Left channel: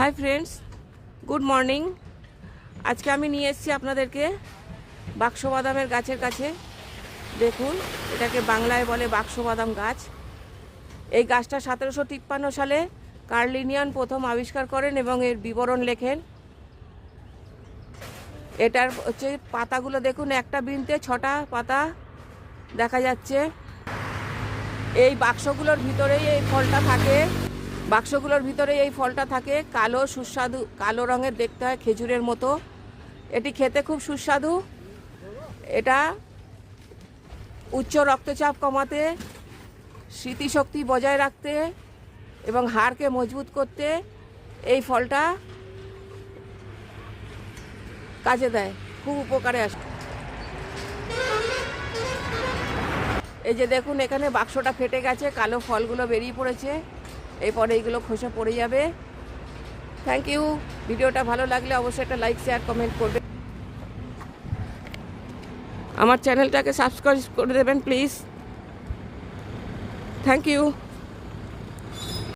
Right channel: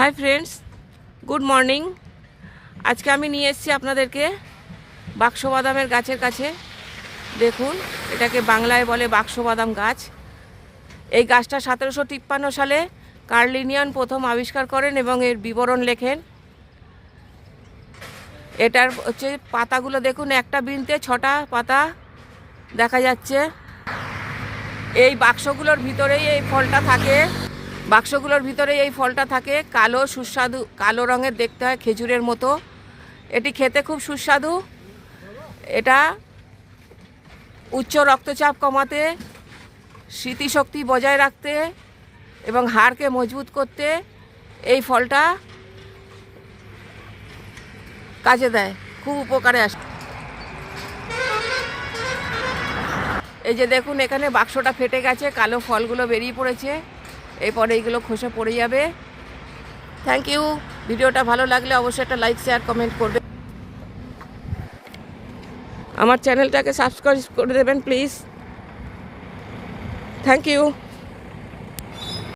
Hi friends, good morning. আজকে আমি নিয়ে এসেছি আপনাদেরকে বাক্সবাদামের গাছের কাছে। দেখুন, এটাকে বাংলায় বলে বাক্সবাদাম গাছ। এই গাছটা 1753 সালে কার্ল লিনিয়ান প্রথম আবিষ্কার করেন এবং এর বিবরণ লেখেন। এটার হচ্ছে পাতাগুলো দেখুন, একটা বৃন্তে 6টা পাতা দেখা যাচ্ছে। এই বাক্সগুলোর ভিতরেই এই ফলটা থাকে। বাক্সগুলোর ভিতরে এই ফলটা থাকে। কালো সুস্বাদু, কালো রঙের দেখতে হয়, খেজুরের মতো। এটি খেতে খুব সুস্বাদু। এটা উচ্চ রক্তচাপ কমাতে, স্মৃতিশক্তি বজায় রাখতে এবং হাড়কে মজবুত করতে এই ফলটা কাজে দেয়, খুব উপকারে আসে। এই যে দেখুন, এখানে বাক্সটা ফেটে গেছে, কালো ফলগুলো বেরিয়ে পড়েছে। এরপরে এইগুলো খোসা পড়ে যাবে। Thank you. ভিডিওটা ভালো লাগলে অবশ্যই একটা লাইক, শেয়ার, কমেন্ট করবে। আমার চ্যানেলটাকে সাবস্ক্রাইব করে দেবেন প্লিজ। Thank you.